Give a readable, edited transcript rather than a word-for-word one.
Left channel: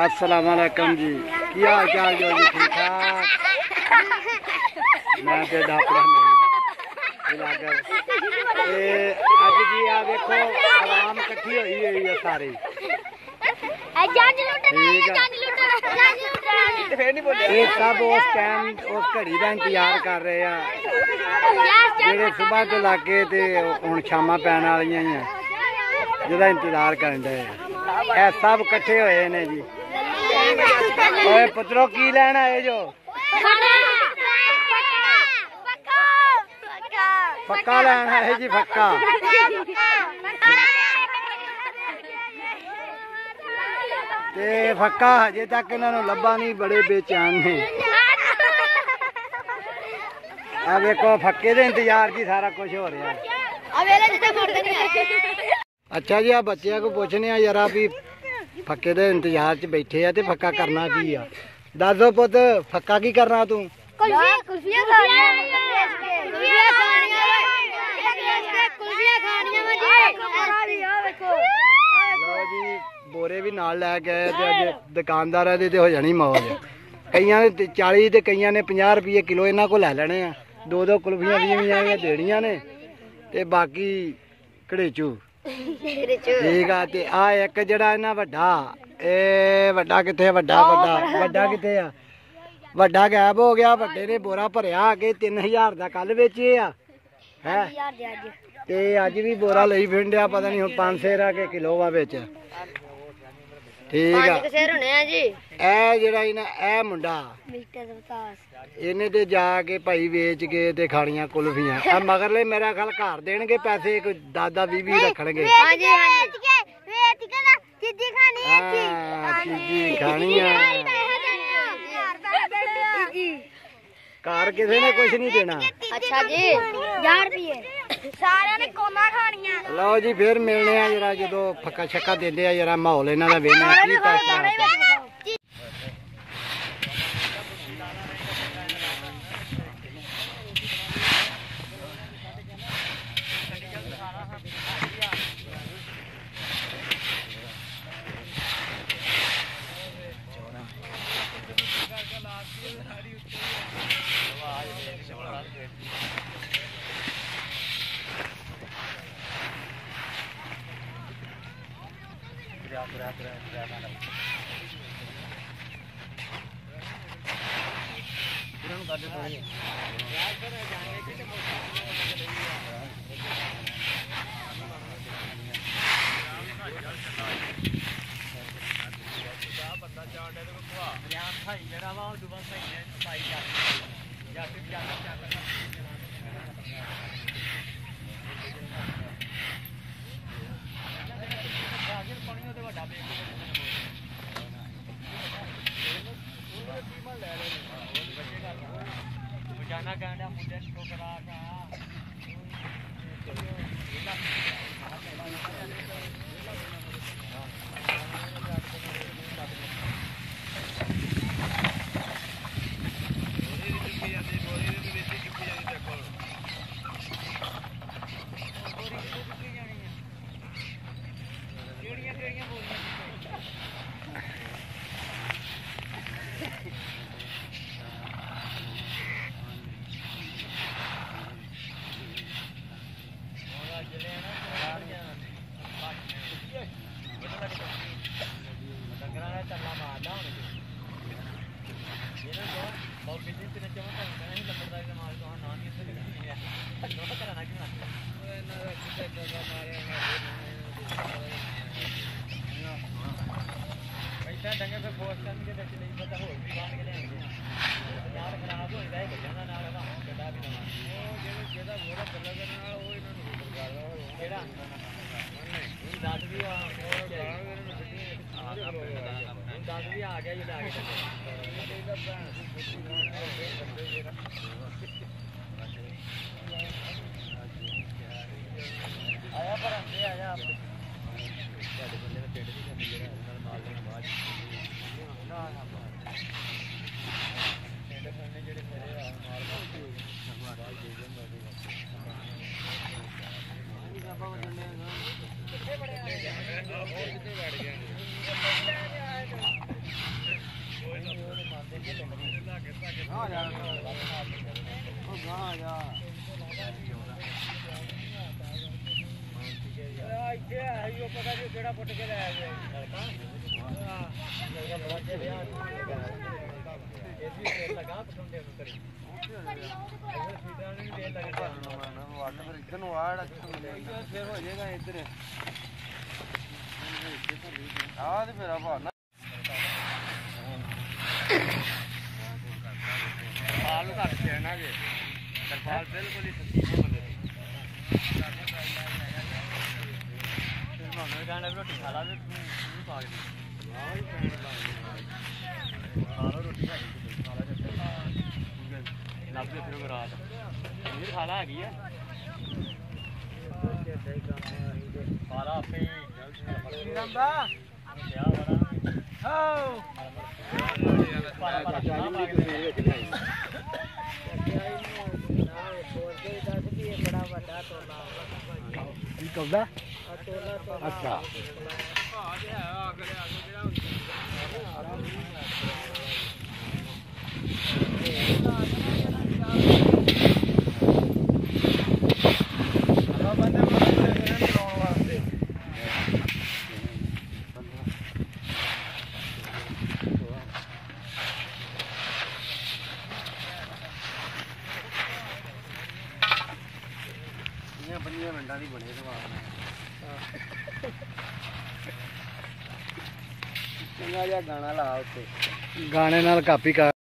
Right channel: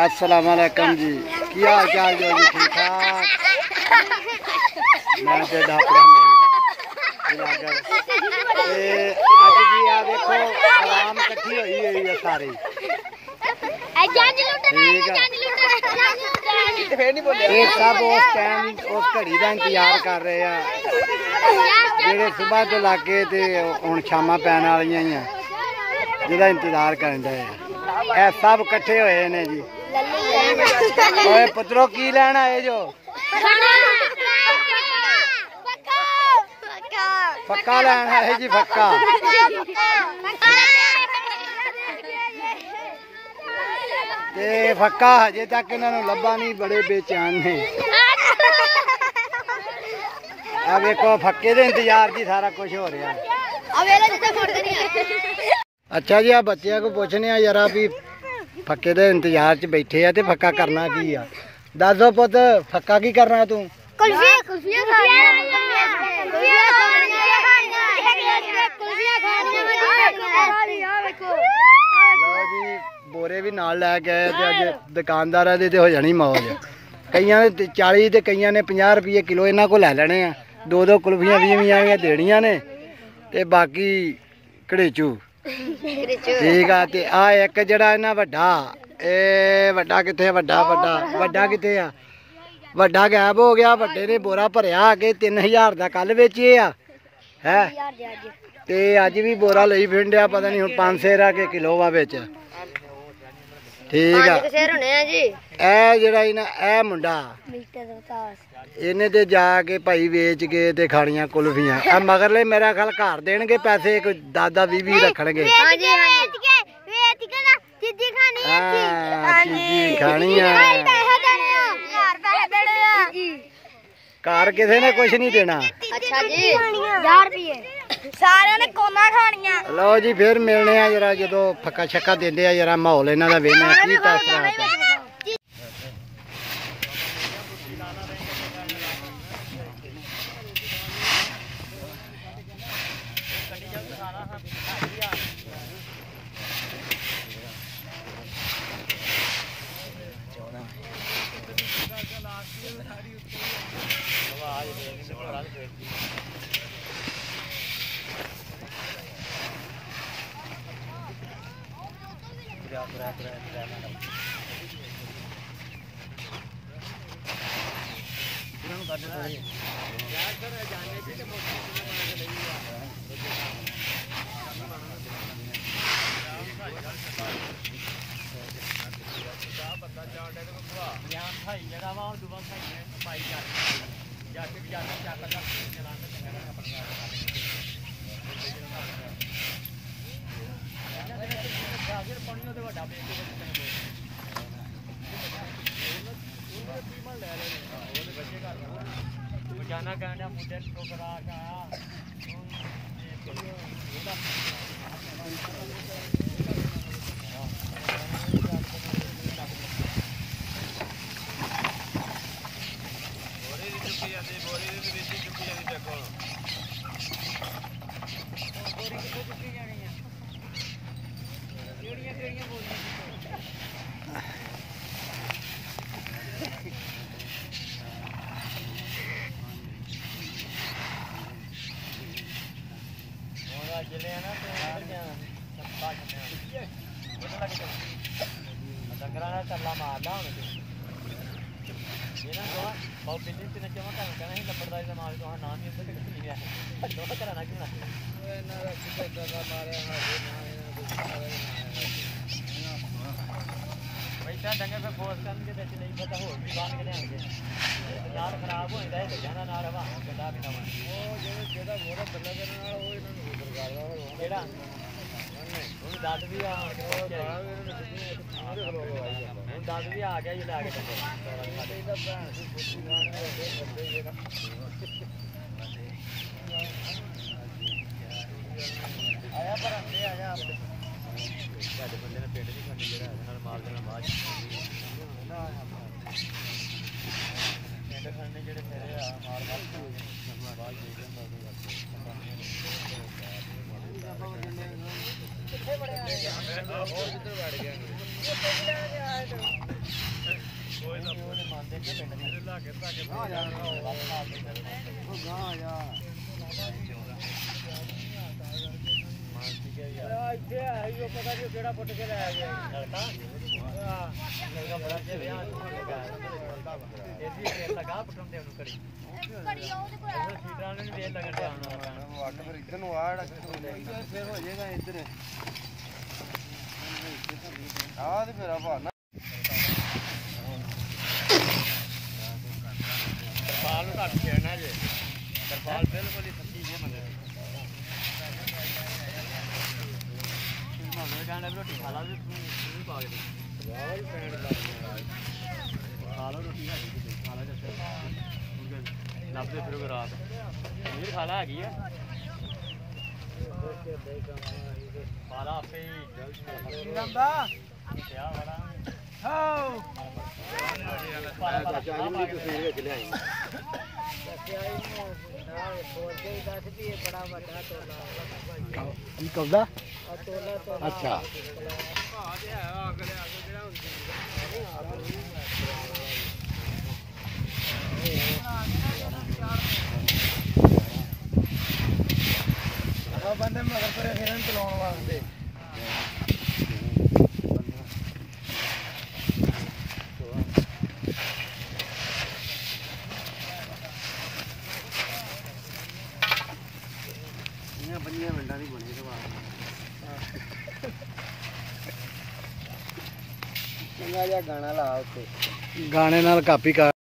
अस्सलाम वालेकुम जी, की हाल चाल जो जी? ठीक ठाक। मैं तो डापड़ा नहीं अज जी आ देखो आवाम कट्ठी हुई हुई है सारी, ठीक है। ये सब उस टाइम उस घड़ी का इंतजार कर रहे हैं जेड़े सुबह तो लाके ते हुण शामां पैण वालियां ही जिहदा इंतजार करन डे ए सब कट्ठे होए ने जी। ओए पुत्रो की लैन आए जो? फक्का लैन आए जी, फक्का। ते फक्का हजे तक इन्हों लभा नहीं, बड़े बेचैन ने। आ देखो फक्के दे इंतजार जी सारा कुछ हो रहा है। अच्छा जी, आ बच्चों को पूछने जरा भी फक्के दे इंतजार च बैठे आ ते फक्का करना की आ? दस दो पुत, फक्का की करना तू? लो जी, बोरे भी नाल लै गए ते अज दुकानदार दी हो जानी मौज। कईयां ने 40 ते कईयां ने 50 रुपये किलो इन्हां को लै लेने आ। दो दो कुल्फियां 20 देनियां ने ते बाकी घड़ेचू, ठीक है। ते आ एक जड़ा इन्ना वड्डा, ए वड्डा किथे? वड्डा किथे आ? वड्डा गायब हो गया। वड्डे ने बोरा भरिया के 3000 का कल बेचे है ते अज भी बोरा लई फिरन, पता नहीं हुण 500 के किलो वा बेच, ठीक है। ए जड़ा ए मुंडा इन्हें ते जाके भाई बेच के ते खानियां कुल्फियां। मगरले मेरा ख्याल घर देणगे पैसे, कोई 10-20 रखणगे। घर किसी ने कुछ नहीं देना। अच्छा जी, 1000 रुपये सारे ने कोना खानियां। लो जी, फिर मिलने आ जरा जो फक्का छक्का देंदे आ, जरा माहौल इन्हां दा वेखने की तासरा। ਇੱਧਰ ਨੂੰ ਆ ਫਿਰ ਹੋ ਜਾਏਗਾ ਇੱਧਰ ਆ ਤੇ ਮੇਰਾ ਭਾਣਾ ਸਾਲ ਘੱਟ ਜਾਣਾ ਜੇ ਸਰਕਾਰ ਬਿਲਕੁਲ ਹੀ ਸੱਚੀ ਨਹੀਂ ਮੰਨਦੀ ਫਿਰ ਭਾਵੇਂ ਗਾਣਾ ਰੋਟੀ ਖਾ ਲਾ ਵੀ ਪਾ ਲਈ ਸਾਰਾ ਰੋਟੀ ਖਾ ਲਾ ਜੱਟ ਲੱਭਦੇ ਫਿਰ ਰਾਤ ਇਹ ਖਾਣਾ ਹੈਗੀ ਆ ਸਾਰਾ ਆਪੇ ਹੀ ਗੰਦਾ ਕਿਆ ਬਣਾ ਹੋ ਪਾਲਾ ਪਾਲਾ ਵਿੱਚ ਲਿਆਈ ਬੜਾ ਵੱਡਾ ਟੋਲਾ ਕੀ ਕਹਦਾ ਅੱਛਾ ਹਾਂ ਤੇ ਹੈ ਅਗਲੇ ਜਿਹੜਾ ਬੰਦੇ ਨੂੰ ਚਲਾਉਣ ਵਾਸਤੇ ਬੰਦੀਆਂ ਮਿੰਟਾਂ ਦੀ ਬਣੀ ਚੰਗਾ ਜਿਹਾ ਗਾਣਾ ਲਾ ਉੱਤੇ ਗਾਣੇ ਨਾਲ ਕਾਪੀ ਕਰ